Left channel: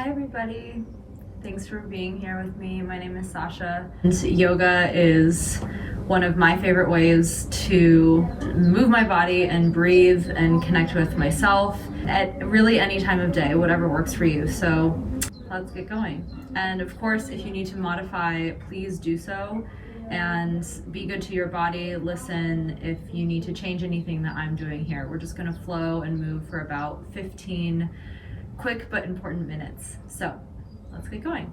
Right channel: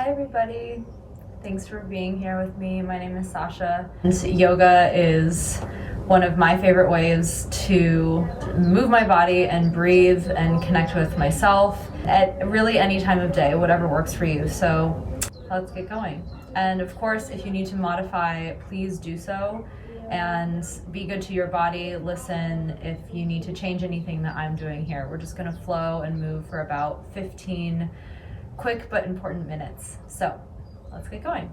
Hi everybody, thanks for being here with me. My name is Sasha. And yoga is one of my favorite ways to move my body and breathe and connect with myself at really any time of day, whatever works for you. So let's get going. And of course, if you need to modify, please do so and be good to your body. Listen if you need to change anything that I'm doing here. We're just gonna flow and move for about 15 quick but important minutes. So let's get going.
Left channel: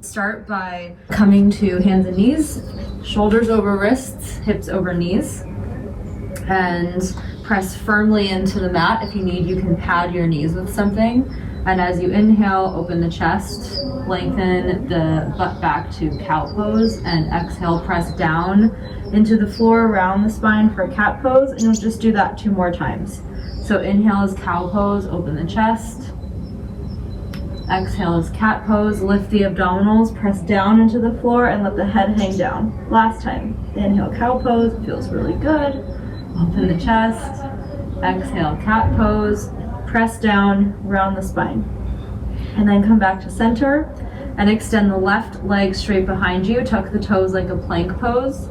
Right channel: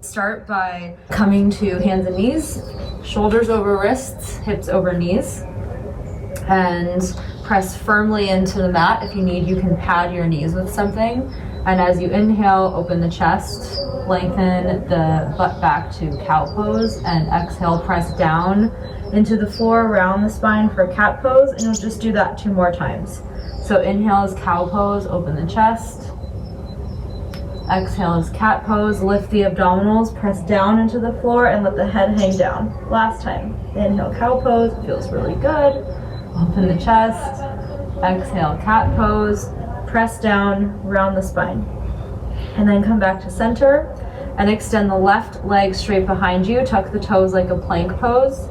Start by coming to hands and knees, shoulders over wrists, hips over knees, and press firmly into the mat. If you need, you can pad your knees with something. And as you inhale, open the chest, lengthen the butt back to cow pose, and exhale, press down into the floor, round the spine for cat pose, and you'll just do that 2 more times. So inhale is cow pose, open the chest. Exhale is cat pose, lift the abdominals, press down into the floor and let the head hang down. Last time. Inhale, cow pose, feels really good. Open the chest. Exhale, cat pose, press down, round the spine. And then come back to center and extend the left leg straight behind you. Tuck the toes like a plank pose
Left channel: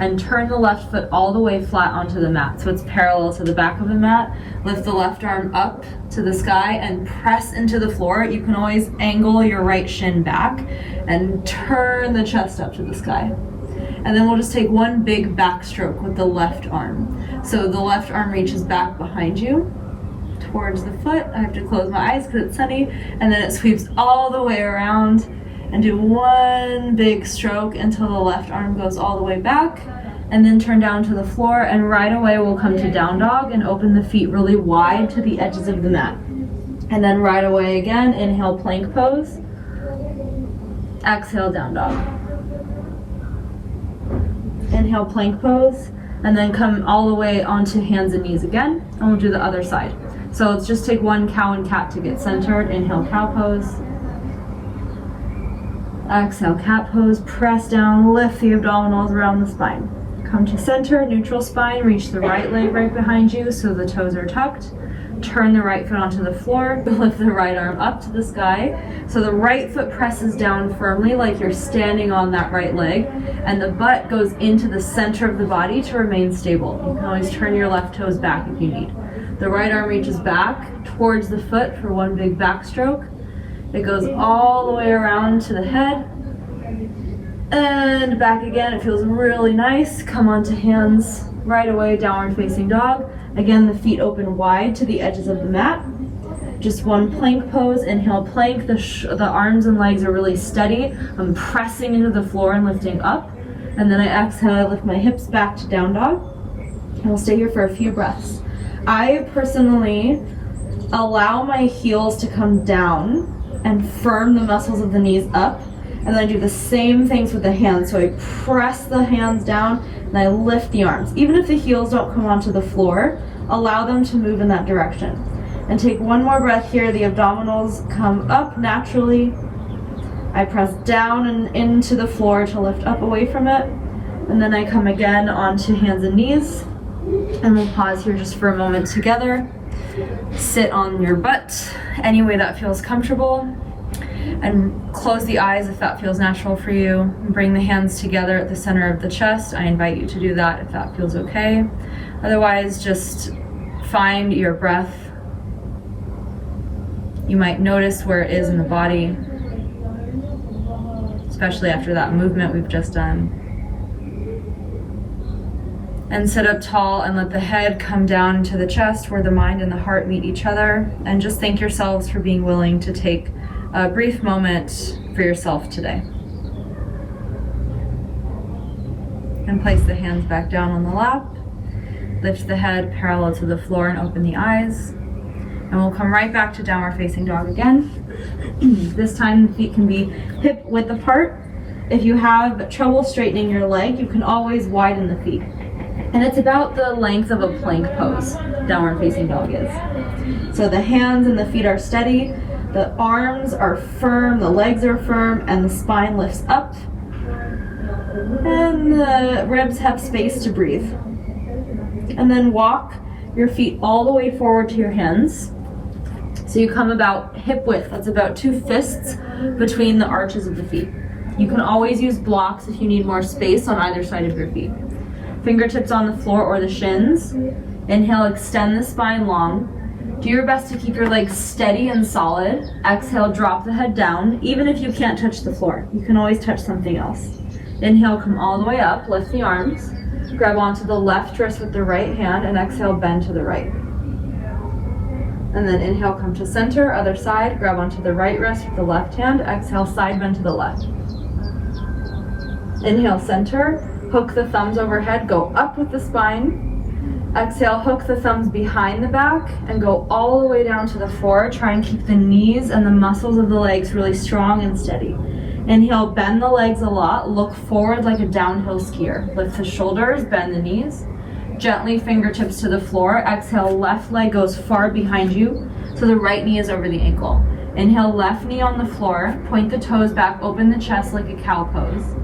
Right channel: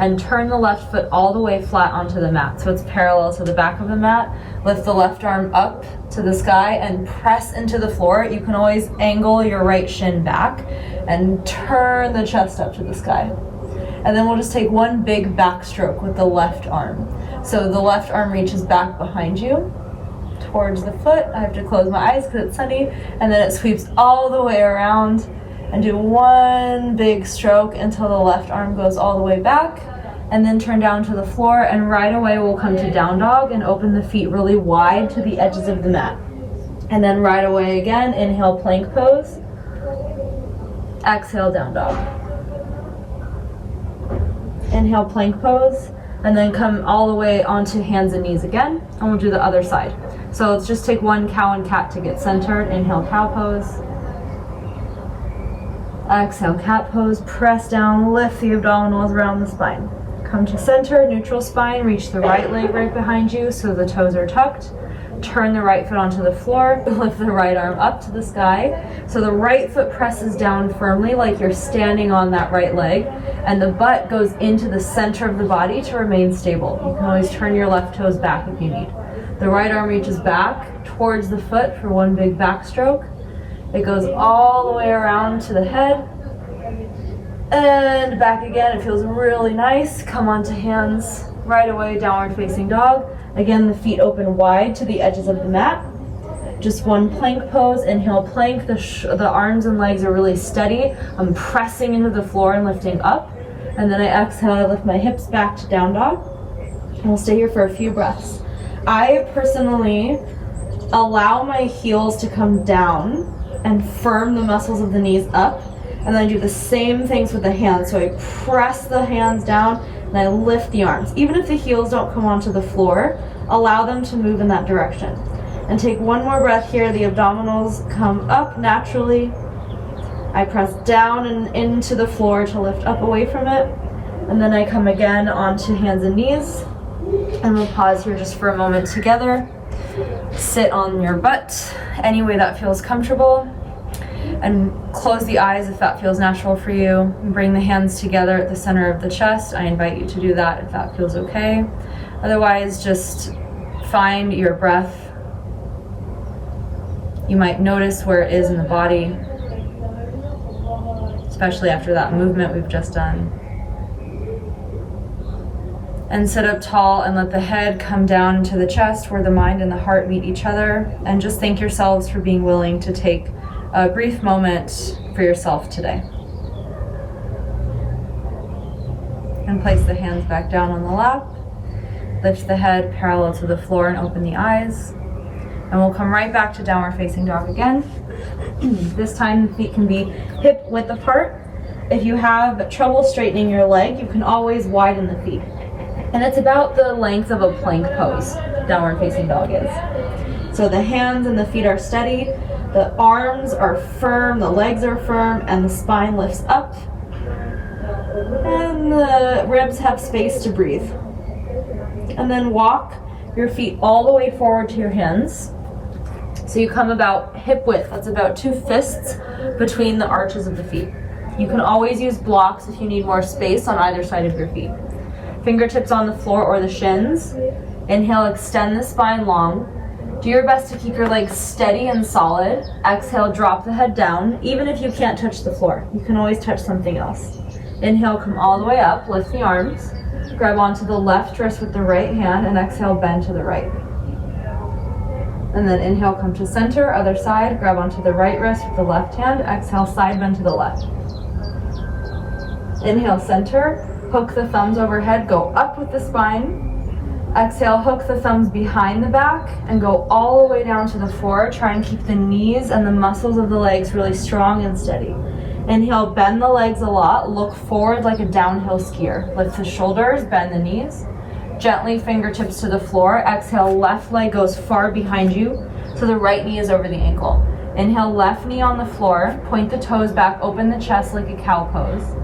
and turn the left foot all the way flat onto the mat. So it's parallel to the back of the mat. Lift the left arm up to the sky and press into the floor. You can always angle your right shin back and turn the chest up to the sky. And then we'll just take one big backstroke with the left arm. So the left arm reaches back behind you towards the foot. I have to close my eyes because it's sunny. And then it sweeps all the way around, and do one big stroke until the left arm goes all the way back, and then turn down to the floor, and right away we'll come to down dog and open the feet really wide to the edges of the mat. And then right away again, inhale, plank pose, exhale, down dog. Inhale, plank pose, and then come all the way onto hands and knees again, and we'll do the other side. So let's just take one cow and cat to get centered. Inhale, cow pose. Exhale, cat pose, press down, lift the abdominals around the spine. Come to center, neutral spine, reach the right leg right behind you so the toes are tucked. Turn the right foot onto the floor, lift the right arm up to the sky. So the right foot presses down firmly like you're standing on that right leg, and the butt goes into the center of the body to remain stable. You can always turn your left toes back if you need. The right arm reaches back towards the foot for one big backstroke. It goes all the way around to the head and back again. It feels really nice. Come onto hands right away, downward facing dog. Again, the feet open wide to the edges of the mat. Just one plank pose. Inhale, plank. The arms and legs are really steady. I'm pressing into the floor and lifting up. And then I exhale, I lift my hips back to down dog. And we'll stay here for a few breaths. I personally allow my heels to come down and firm the muscles of the knees up, and then I do the same things with the hands. So I press the hands down and I lift the arms. Even if the heels don't come onto the floor, allow them to move in that direction. And take one more breath here. The abdominals come up naturally. I press down and into the floor to lift up away from it, and then I come again onto hands and knees, and we'll pause here just for a moment together. Sit on your butt any way that feels comfortable, and close the eyes if that feels natural for you. Bring the hands together at the center of the chest. I invite you to do that if that feels okay. Otherwise, just find your breath. You might notice where it is in the body, especially after that movement we've just done. And sit up tall and let the head come down to the chest where the mind and the heart meet each other. And just thank yourselves for being willing to take a brief moment for yourself today. And place the hands back down on the lap. Lift the head parallel to the floor and open the eyes. And we'll come right back to downward facing dog again. This time the feet can be hip width apart. If you have trouble straightening your leg, you can always widen the feet. And it's about the length of a plank pose, downward facing dog is. So the hands and the feet are steady, the arms are firm, the legs are firm, and the spine lifts up. And the ribs have space to breathe. And then walk your feet all the way forward to your hands. So you come about hip width, that's about 2 fists between the arches of the feet. You can always use blocks if you need more space on either side of your feet. Fingertips on the floor or the shins. Inhale, extend the spine long. Do your best to keep your legs steady and solid. Exhale, drop the head down. Even if you can't touch the floor, you can always touch something else. Inhale, come all the way up, lift the arms. Grab onto the left wrist with the right hand and exhale, bend to the right. And then inhale, come to center, other side, grab onto the right wrist with the left hand, exhale, side bend to the left. Inhale, center, hook the thumbs overhead, go up with the spine. Exhale, hook the thumbs behind the back and go all the way down to the floor. Try and keep the knees and the muscles of the legs really strong and steady. Inhale, bend the legs a lot, look forward like a downhill skier. Lift the shoulders, bend the knees. Gently fingertips to the floor. Exhale, left leg goes far behind you, so the right knee is over the ankle. Inhale, left knee on the floor. Point the toes back, open the chest like a cow pose.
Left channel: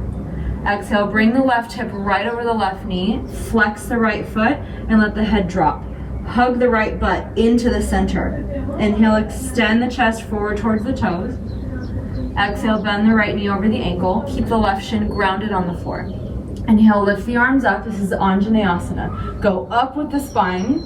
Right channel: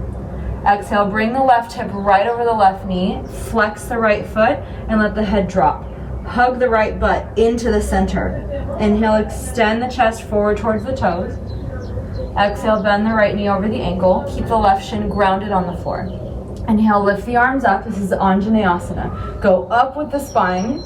Exhale, bring the left hip right over the left knee. Flex the right foot and let the head drop. Hug the right butt into the center. Inhale, extend the chest forward towards the toes. Exhale, bend the right knee over the ankle. Keep the left shin grounded on the floor. Inhale, lift the arms up. This is Anjaneyasana. Go up with the spine.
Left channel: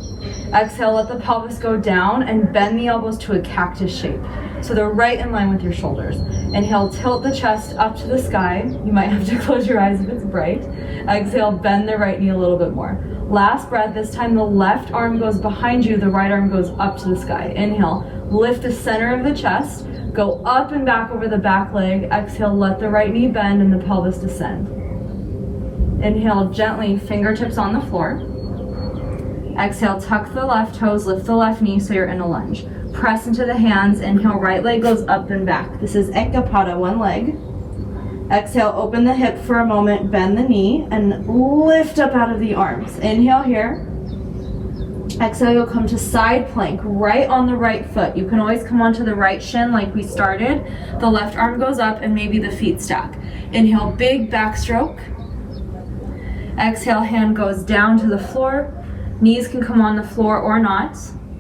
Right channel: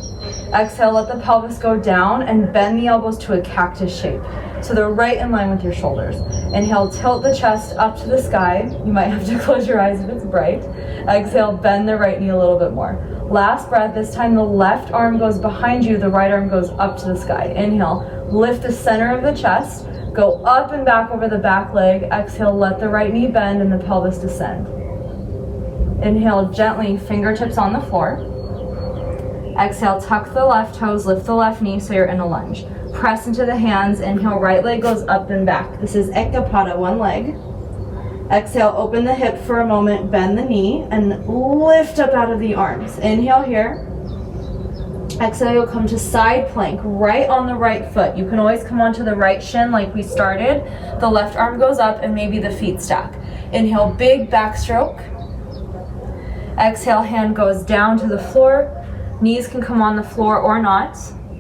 Exhale, let the pelvis go down and bend the elbows to a cactus shape. So they're right in line with your shoulders. Inhale, tilt the chest up to the sky. You might have to close your eyes if it's bright. Exhale, bend the right knee a little bit more. Last breath, this time the left arm goes behind you, the right arm goes up to the sky. Inhale, lift the center of the chest. Go up and back over the back leg. Exhale, let the right knee bend and the pelvis descend. Inhale, gently, fingertips on the floor. Exhale, tuck the left toes, lift the left knee so you're in a lunge. Press into the hands. Inhale, right leg goes up and back. This is Ekapada, one leg. Exhale, open the hip for a moment, bend the knee, and lift up out of the arms. Inhale here. Exhale, you'll come to side plank, right on the right foot. You can always come onto the right shin like we started. The left arm goes up and maybe the feet stack. Inhale, big backstroke. Exhale, hand goes down to the floor. Knees can come on the floor or not.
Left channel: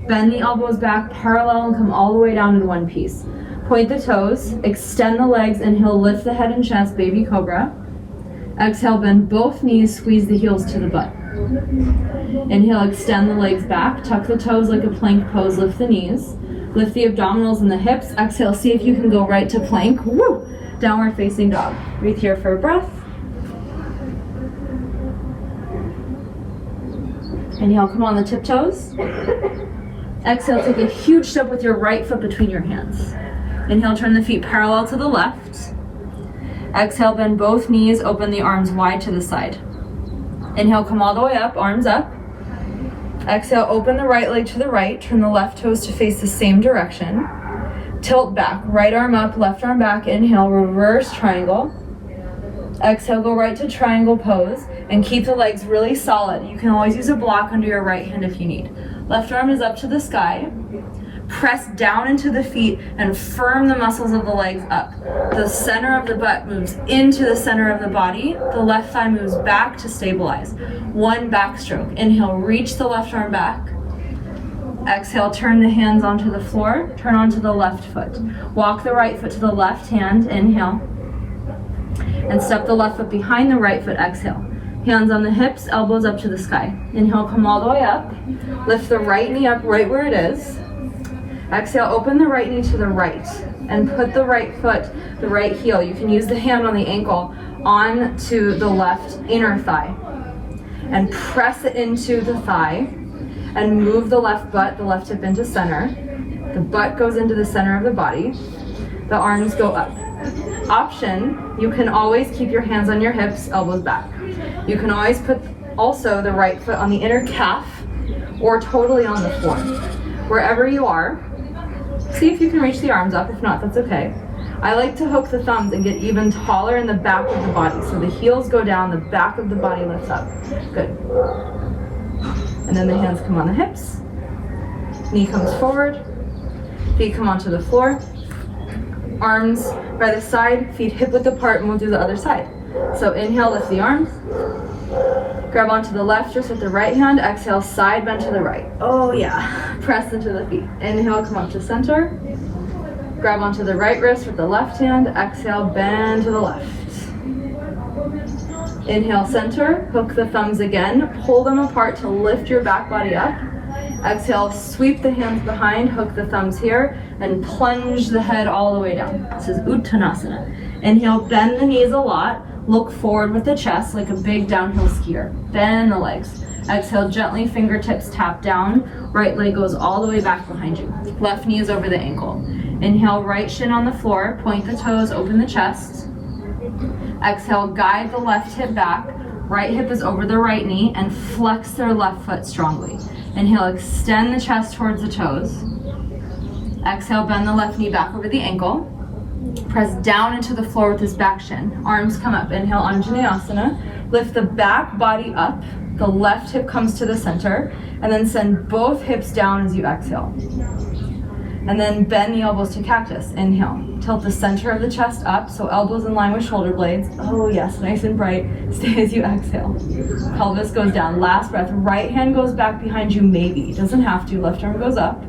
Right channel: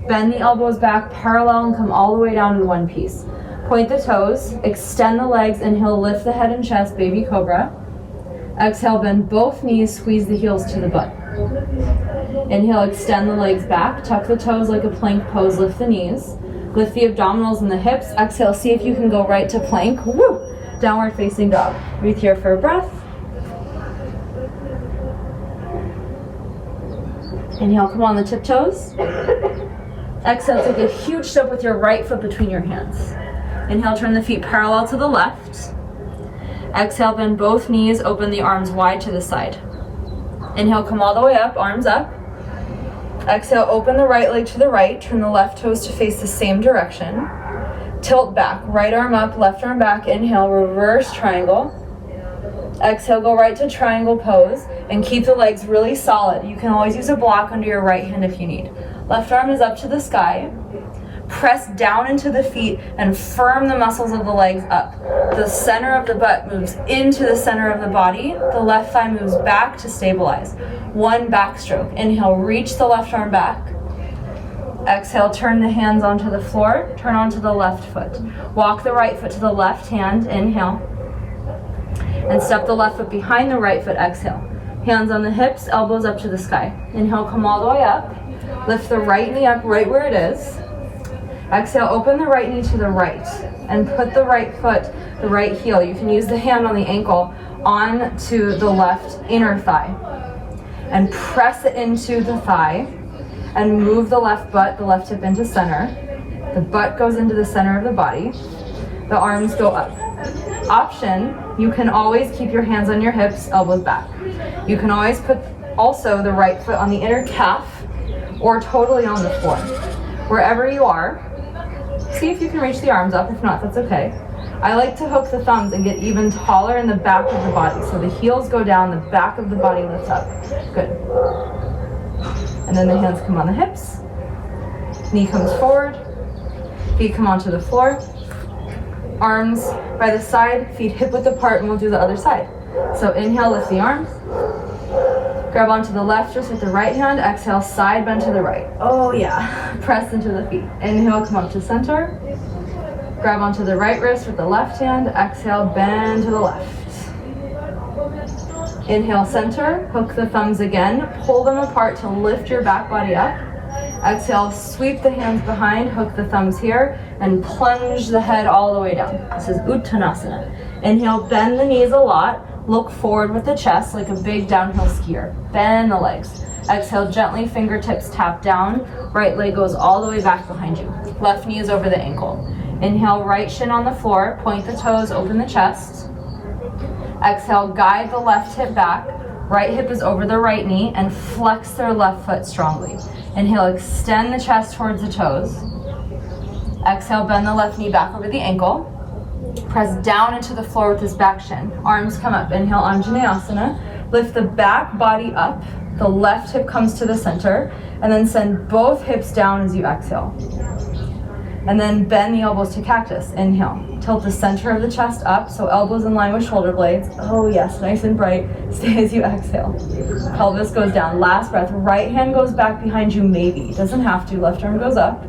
Bend the elbows back parallel and come all the way down in one piece. Point the toes, extend the legs. Inhale, lift the head and chest, baby cobra. Exhale, bend both knees, squeeze the heels to the butt. Inhale, extend the legs back, tuck the toes like a plank pose, lift the knees. Lift the abdominals and the hips. Exhale, see if you can go right to plank. Woo! Downward facing dog. Breathe here for a breath. Inhale, come on the tiptoes. Exhale, take a huge step with your right foot between your hands. Inhale, turn the feet parallel to the left. Exhale, bend both knees, open the arms wide to the side. Inhale, come all the way up, arms up. Exhale, open the right leg to the right, turn the left toes to face the same direction. Tilt back, right arm up, left arm back. Inhale, reverse triangle. Exhale, go right to triangle pose and keep the legs really solid. You can always use a block under your right hand if you need. Left arm is up to the sky. Press down into the feet and firm the muscles of the legs up. The center of the butt moves into the center of the body. The left thigh moves back to stabilize. One backstroke. Inhale, reach the left arm back. Exhale, turn the hands onto the floor. Turn onto the left foot. Walk the right foot to the left hand. Inhale. And step the left foot behind the right foot. Exhale. Hands on the hips, elbows up to the sky. Inhale, come all the way up. Lift the right knee up right where it is. Exhale, open the right knee to the right and put the right foot, the right heel. You can use the hand on the ankle onto the left inner thigh and press it into the thigh and move the left butt, the left hip into center. The butt goes into the center of the body. The arms go up. Option, you can always keep your hands on your hips, elbows back. You can always put also the right foot on the inner calf or totally on the floor. Wherever you are, see if you can reach the arms up. If not, that's okay. I like to hook the thumbs and get even taller in the back of the body. So the heels go down, the back of the body lifts up. Good. And then the hands come on the hips. Knee comes forward. Feet come onto the floor. Arms by the side, feet hip width apart, and we'll do the other side. So inhale, lift the arms. Grab onto the left wrist with the right hand. Exhale, side bend to the right. Oh yeah. Press into the feet. Inhale, come up to center. Grab onto the right wrist with the left hand. Exhale, bend to the left. Inhale, center. Hook the thumbs again. Pull them apart to lift your back body up. Exhale, sweep the hands behind. Hook the thumbs here and plunge the head all the way down. This is Uttanasana. Inhale, bend the knees a lot. Look forward with the chest like a big downhill skier. Bend the legs. Exhale, gently fingertips tap down. Right leg goes all the way back behind you. Left knee is over the ankle. Inhale, right shin on the floor. Point the toes, open the chest. Exhale, guide the left hip back. Right hip is over the right knee and flex their left foot strongly. Inhale, extend the chest towards the toes. Exhale, bend the left knee back over the ankle. Press down into the floor with this back shin. Arms come up. Inhale, Anjaneyasana. Lift the back body up. The left hip comes to the center. And then send both hips down as you exhale. And then bend the elbows to cactus. Inhale. Tilt the center of the chest up, so elbows in line with shoulder blades. Oh yes, nice and bright. Stay as you exhale. Pelvis goes down. Last breath. Right hand goes back behind you, maybe. Doesn't have to. Left arm goes up.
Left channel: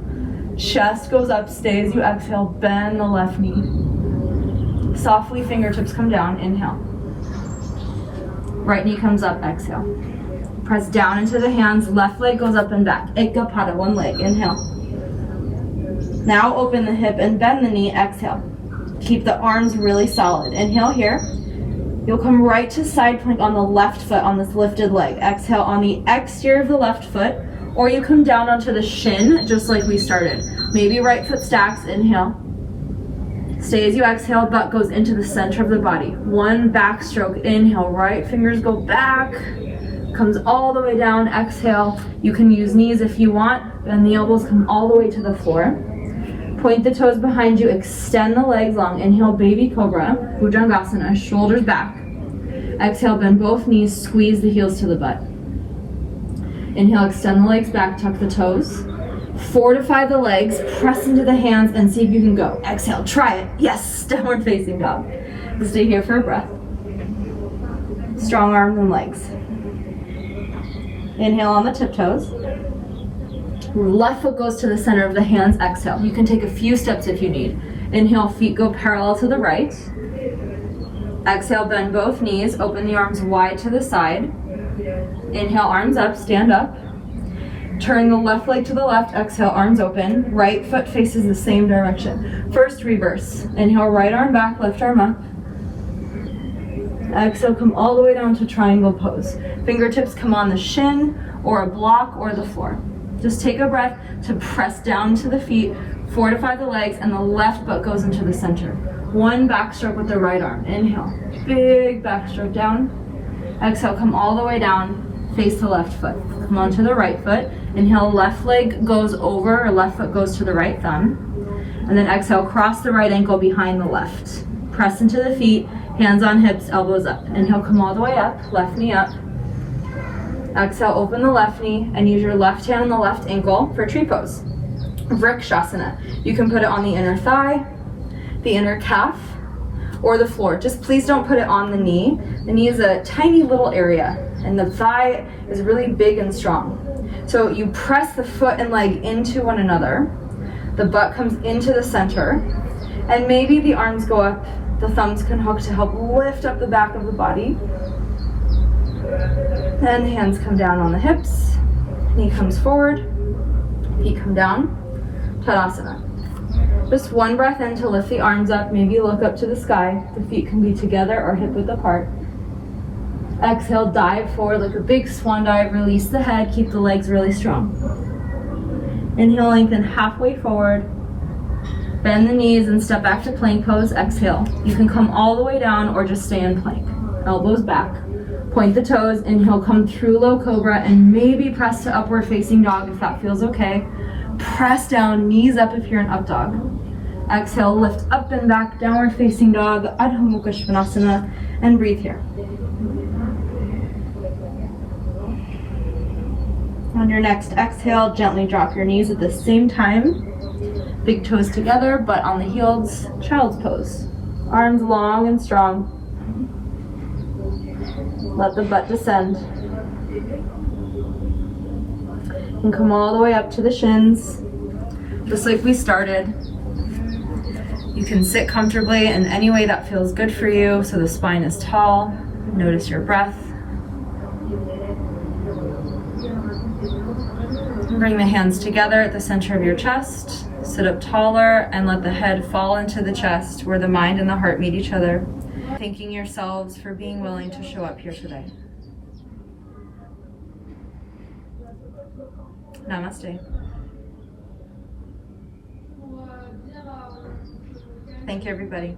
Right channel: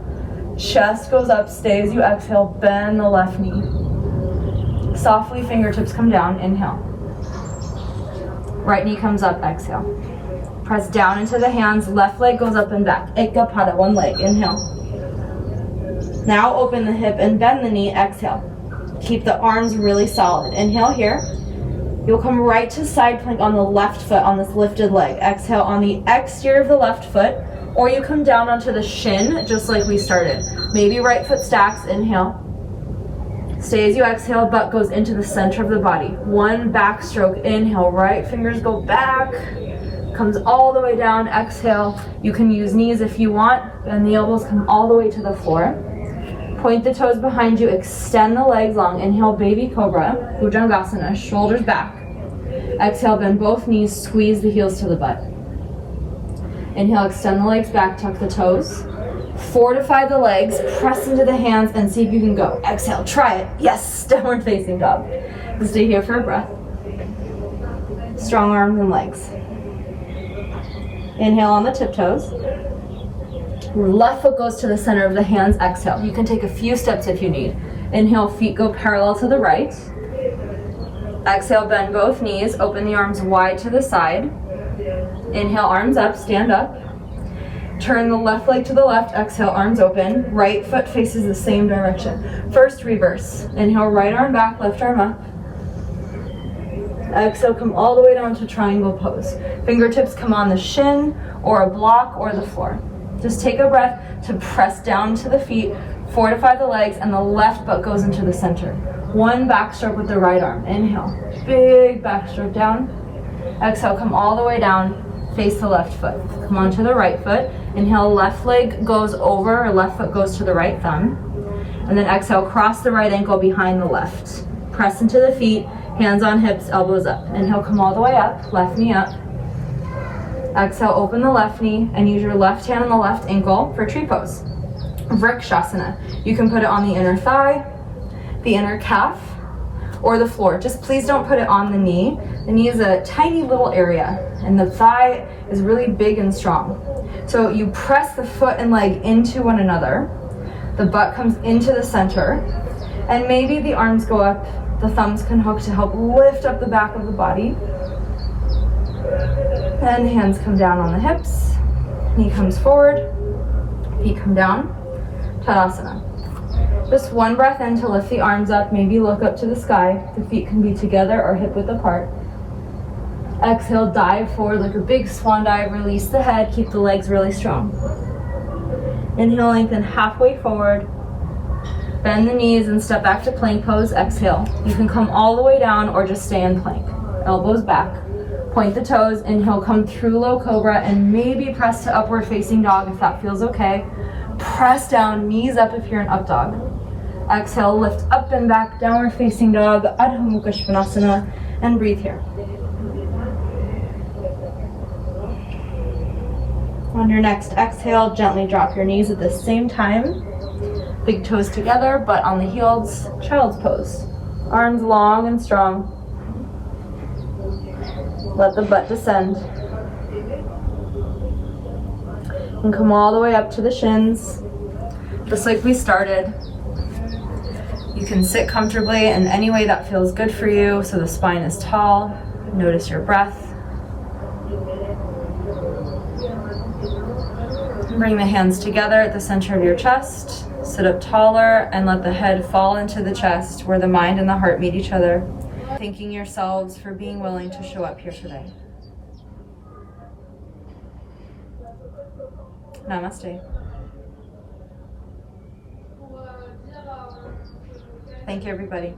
Chest goes up. Stay as you exhale. Bend the left knee. Softly, fingertips come down. Inhale. Right knee comes up. Exhale. Press down into the hands. Left leg goes up and back. Ekapada, one leg. Inhale. Now open the hip and bend the knee. Exhale. Keep the arms really solid. Inhale here. You'll come right to side plank on the left foot on this lifted leg. Exhale on the exterior of the left foot, or you come down onto the shin just like we started. Maybe right foot stacks. Inhale. Stay as you exhale, butt goes into the center of the body. One backstroke. Inhale, right fingers go back. Comes all the way down. Exhale. You can use knees if you want. Bend the elbows, come all the way to the floor. Point the toes behind you. Extend the legs long. Inhale, baby cobra. Bhujangasana. Shoulders back. Exhale, bend both knees. Squeeze the heels to the butt. Inhale, extend the legs back. Tuck the toes. Fortify the legs, press into the hands, and see if you can go. Exhale, try it. Yes, downward facing dog. Stay here for a breath. Strong arms and legs. Inhale on the tiptoes. Left foot goes to the center of the hands. Exhale. You can take a few steps if you need. Inhale, feet go parallel to the right. Exhale, bend both knees. Open the arms wide to the side. Inhale, arms up, stand up. Turn the left leg to the left. Exhale, arms open. Right foot faces the same direction. First, reverse. Inhale, right arm back, left arm up. Exhale, come all the way down to triangle pose. Fingertips come on the shin or a block or the floor. Just take a breath to press down to the feet, fortify the legs, and the left butt goes into the center. One backstroke with the right arm. Inhale, big backstroke down. Exhale, come all the way down, face the left foot. Come onto the right foot. Inhale, left leg goes over, or left foot goes to the right thumb. And then exhale, cross the right ankle behind the left. Press into the feet, hands on hips, elbows up. Inhale, come all the way up, left knee up. Exhale, open the left knee and use your left hand on the left ankle for tree pose. Vrikshasana. You can put it on the inner thigh, the inner calf, or the floor. Just please don't put it on the knee. The knee is a tiny little area and the thigh is really big and strong. So you press the foot and leg into one another. The butt comes into the center and maybe the arms go up. The thumbs can hook to help lift up the back of the body. Then hands come down on the hips, knee comes forward, feet come down, Tadasana. Just one breath in to lift the arms up, maybe look up to the sky. The feet can be together or hip width apart. Exhale, dive forward like a big swan dive, release the head, keep the legs really strong. Inhale, lengthen halfway forward, bend the knees and step back to plank pose. Exhale, you can come all the way down or just stay in plank. Elbows back. Point the toes, inhale, come through low cobra and maybe press to upward facing dog if that feels okay. Press down, knees up if you're in up dog. Exhale, lift up and back, downward facing dog, Adho Mukha Svanasana, and breathe here. On your next exhale, gently drop your knees at the same time. Big toes together, butt on the heels, child's pose. Arms long and strong. Let the butt descend. You can come all the way up to the shins, just like we started. You can sit comfortably in any way that feels good for you, so the spine is tall. Notice your breath. Bring the hands together at the center of your chest. Sit up taller and let the head fall into the chest where the mind and the heart meet each other. Thanking yourselves for being willing to show up here today. Namaste. Thank you, everybody.